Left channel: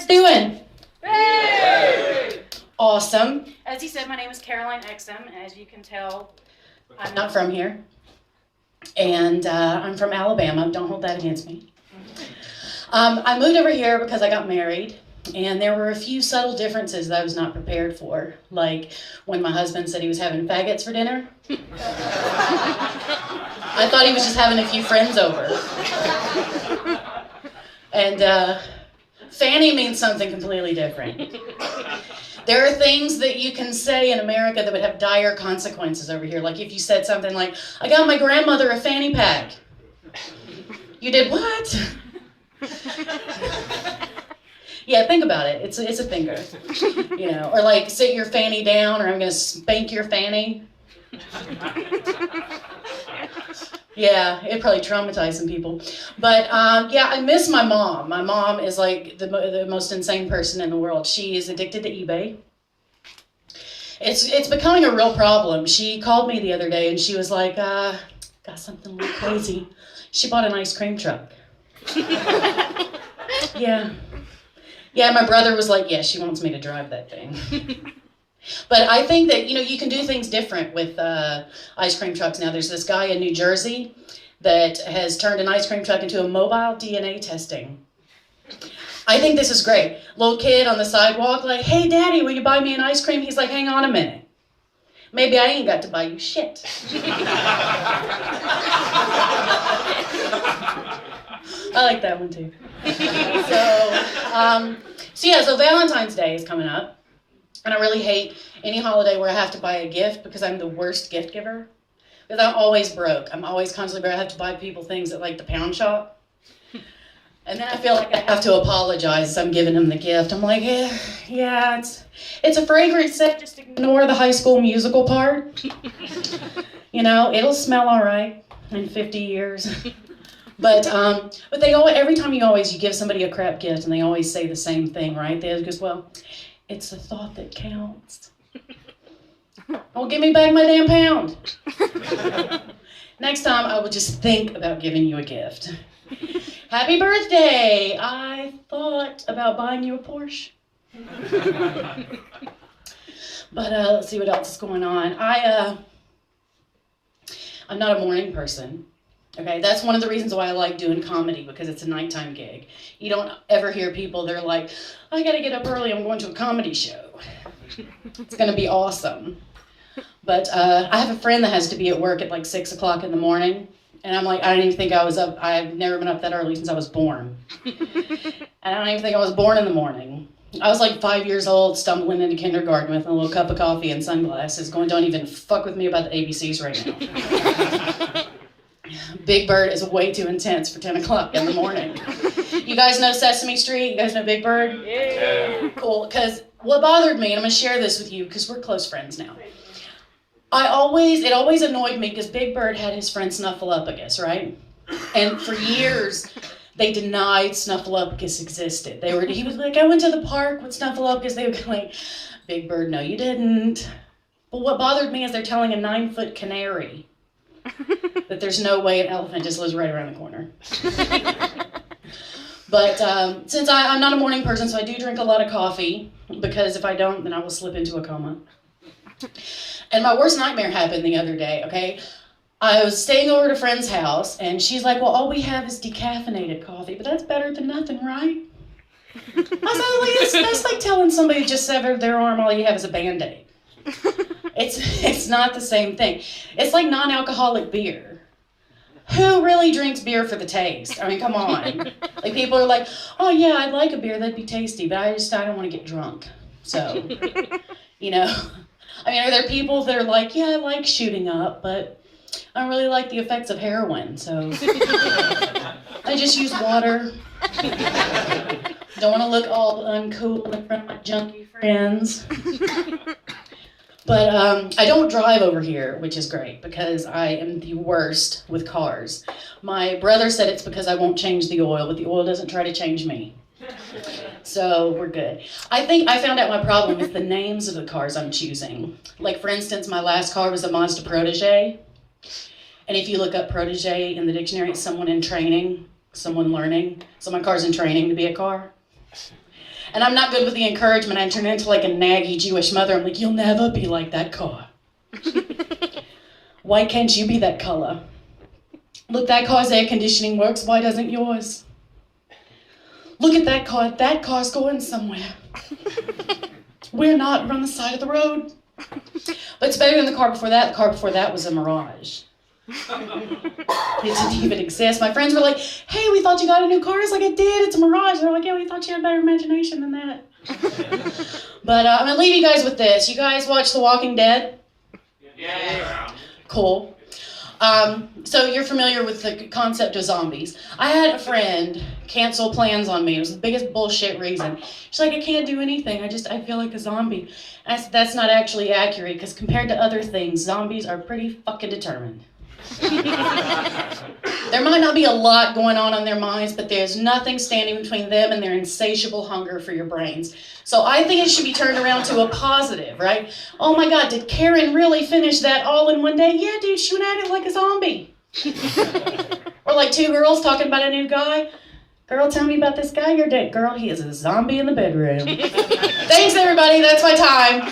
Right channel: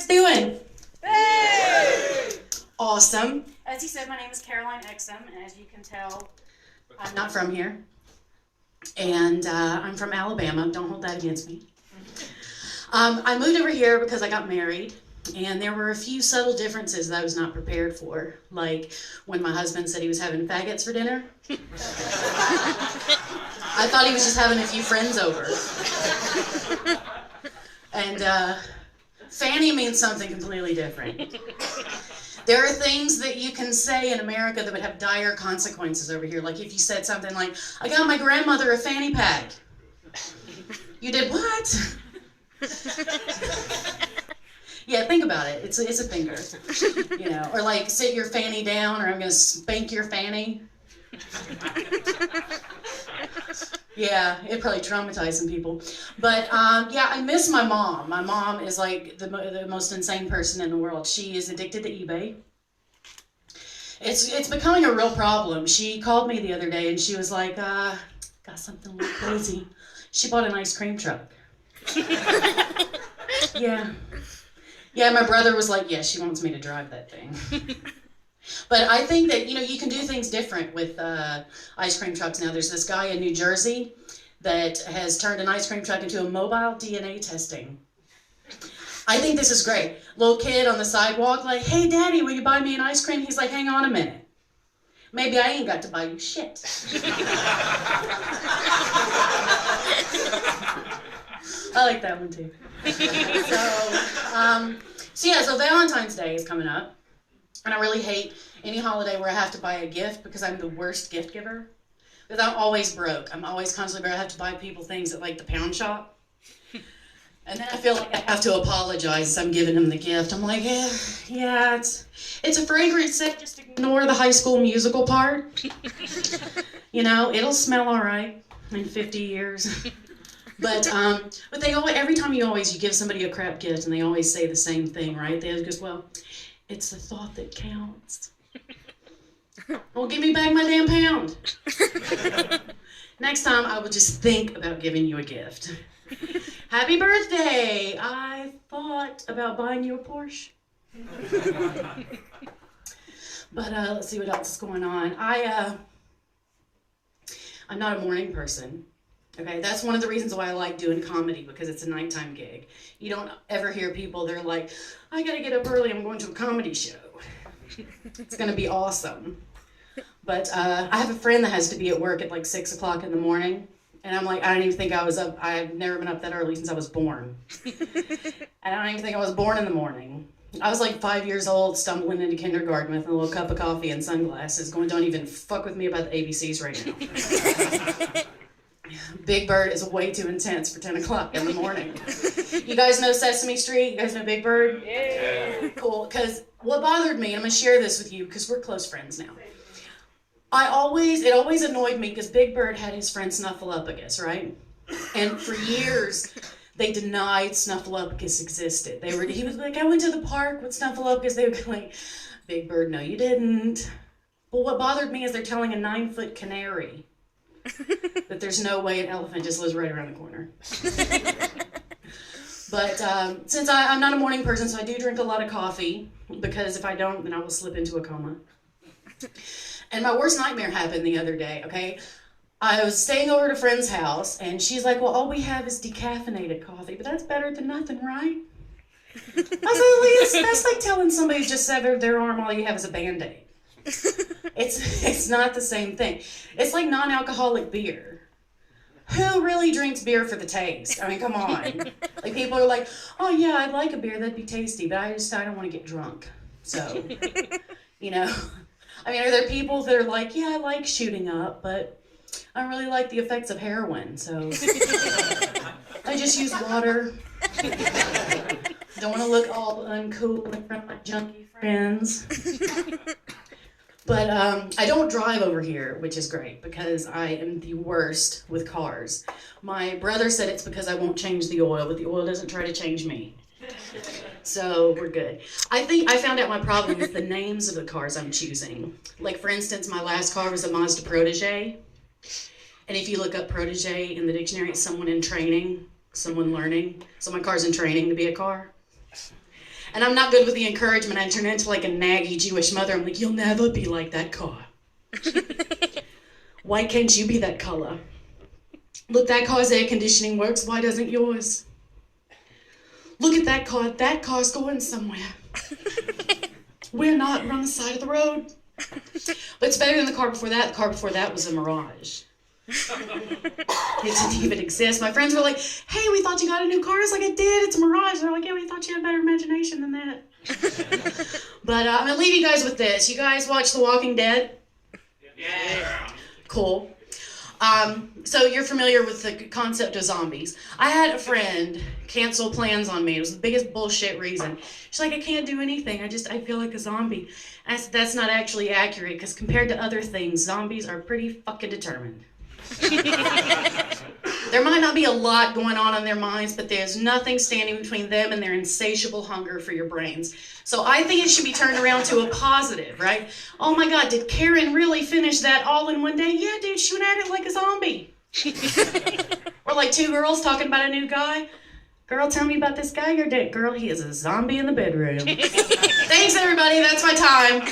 guys doing? Hey! Awesome. As he said, my name is Caroline Exum, and as you can tell, I'm not from here. And I'm from Alabama. Don't hold that against me. I moved over here because I got married, and there were a few subtle differences that I was not prepared for. Like when my husband said he was having faggots for dinner. I thought he was just having a few friends over. And fanny means something completely different. There are things that you can say in America that would have dire consequences over here. Like if you said something like, I got my grandmother a fanny pack. You did what? Yeah, think about it. It's a finger. You know, or like sit your fanny down, or I'm going to spank your fanny. Yeah, it probably traumatized some people. But yeah, I miss my mom. My mom is like the most insane person in the world. She is addicted to eBay. It's becoming a real problem. She called me the other day and she was like, got something really crazy. She bought an ice cream truck. Yeah. Yeah, my brother was like, yeah, she wants me to drive that thing. But I think that, you know, you can do things different with ice cream trucks now. There's this guy in New Jersey that has turned an ice cream truck into a mobile DNA testing. I think this is great. Little kid on the sidewalk like, hey, Daddy, will you buy me an ice cream? He's like, hang on a minute. Maybe I ain't got to buy you shit. I like that one too. So Valentine's Day is coming up. And I really hate any holiday where I have to buy a gift because I'm the worst gift giver. Because I'm always broke. I'm always constantly broke. I have to buy people things at like the pound shop. And then I feel like I have to apologize as I'm giving them the gift. I'm like, yeah, it's a fragrance set. Just ignore the High School Musical part. You know, it'll smell all right in 50 years. But they always, every time you give somebody a crap gift, and they always say the same thing, right? They just, well, it's the thought that counts. Well, give me back my damn pound. Next time, I will just think about giving you a gift. Happy birthday! I thought about buying you a Porsche. But let's see what else is going on. I'm not a morning person. Okay, that's one of the reasons why I like doing comedy, because it's a nighttime gig. You don't ever hear people, they're like, I gotta get up early, I'm going to a comedy show. It's gonna be awesome. But I have a friend that has to be at work at like 6 o'clock in the morning, and I'm like, I don't even think I was up, I've never been up that early since I was born. I don't even think I was born in the morning. I was like 5 years old, stumbling into kindergarten with a little cup of coffee and sunglasses, going, don't even fuck with me about the ABCs right now. Big Bird is way too intense for 10 o'clock in the morning. You guys know Sesame Street? You guys know Big Bird? Yeah. Cool, because what bothered me, and I'm going to share this with you because we're close friends now. It always annoyed me because Big Bird had his friend Snuffleupagus, right? And for years, they denied Snuffleupagus existed. He was like, I went to the park with Snuffleupagus. They would be like, Big Bird, no you didn't. But what bothered me is they're telling a 9-foot canary that there's no way an elephant just lives right around the corner. But since I'm not a morning person, so I do drink a lot of coffee, because if I don't, then I will slip into a coma. And my worst nightmare happened the other day, okay? I was staying over at a friend's house, and she's like, well, all we have is decaffeinated coffee, but that's better than nothing, right? I was like, that's like telling somebody just severed their arm, all you have is a Band-Aid. It's not the same thing. It's like non-alcoholic beer. Who really drinks beer for the taste? I mean, come on. Like, people are like, oh yeah, I'd like a beer, that'd be tasty, but I don't want to get drunk. So, you know. I mean, are there people that are like, yeah, I like shooting up, but I don't really like the effects of heroin, so I just use water. Don't want to look all uncool in front of my junkie friends. But I don't drive over here, which is great, because I am the worst with cars. My brother said it's because I won't change the oil, but the oil doesn't try to change me. So we're good. I think I found out my problem with the names of the cars I'm choosing. Like, for instance, my last car was a Mazda Protege. And if you look up Protege in the dictionary, it's someone in training, someone learning. So my car's in training to be a car. And I'm not good with the encouragement. I turn into like a naggy Jewish mother. I'm like, you'll never be like that car. Why can't you be that color? Look, that car's air conditioning works. Why doesn't yours? Look at that car. That car's going somewhere. We're not. We're on the side of the road. But it's better than the car before that. The car before that was a Mirage. It didn't even exist. My friends were like, hey, we thought you got a new car. I was like, I did. It's a Mirage. And they're like, yeah, we thought you had better imagination than that. But I'm going to leave you guys with this. You guys watch The Walking Dead? Yeah. Cool. So you're familiar with the concept of zombies. I had a friend cancel plans on me. It was the biggest bullshit reason. She's like, I can't do anything. I feel like a zombie. I said, that's not actually accurate, because compared to other things, zombies are pretty fucking determined. There might not be a lot going on in their minds, but there's nothing standing between them and their insatiable hunger for your brains. So I think it should be turned around to a positive, right? Oh my God, did Karen really finish that all in one day? Yeah, dude, she went at it like a zombie. Or like two girls talking about a new guy. Girl, tell me about this guy you're dating. Girl, he is a zombie in the bedroom. Thanks, everybody. That's my time.